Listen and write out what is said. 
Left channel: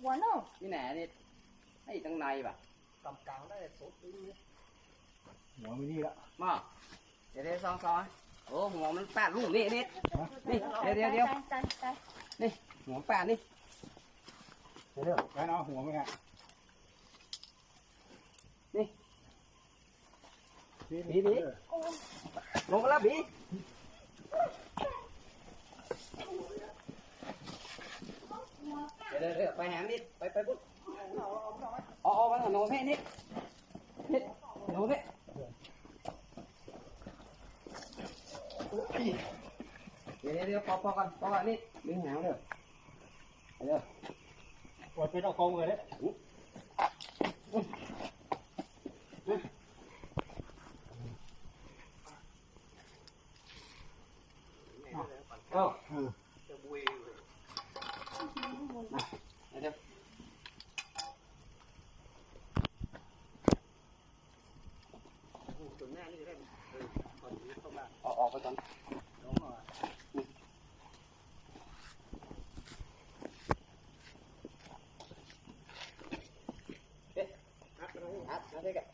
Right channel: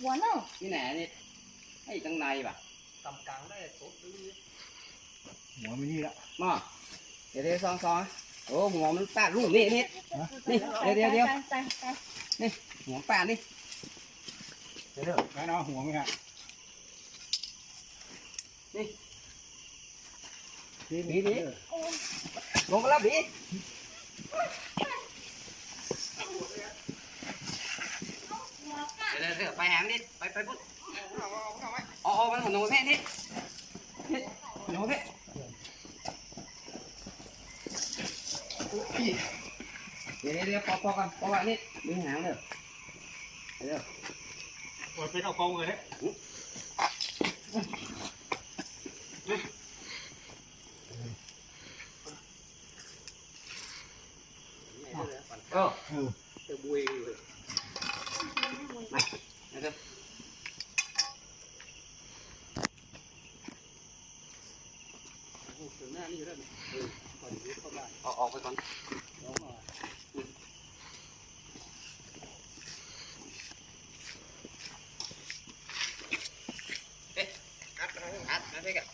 หัวเนาะนี่แหน่นี่ไอ้ตั้งในป่ะกำกลางได้ตบดึงนี่หัวไม่นี่ละมาเดี๋ยวเดี๋ยวซ อาหัวไหมฮะนี่นี่นี่นี่โอ้ยลงกันแล้วบีเดี๋ยวเดี๋ยวเดี๋ยวไปแหมนิดไปไปปุ๊บอ๋ออ๋อมันหัวโน้แม่นิดนิดโน้แม่เดี๋ยวเดี๋ยวเดี๋ยวพอพอกันพอกันนิดดึงหางเด้อเดี๋ยวปวดเป็นเอากองเลยก็เออ จะบุย เดี๋ยวเดี๋ยว ถึงหน้านี่ได้ เอออนนี้เข้าออกออกไปก่อนน้องมาอัดอัดนะพี่กับ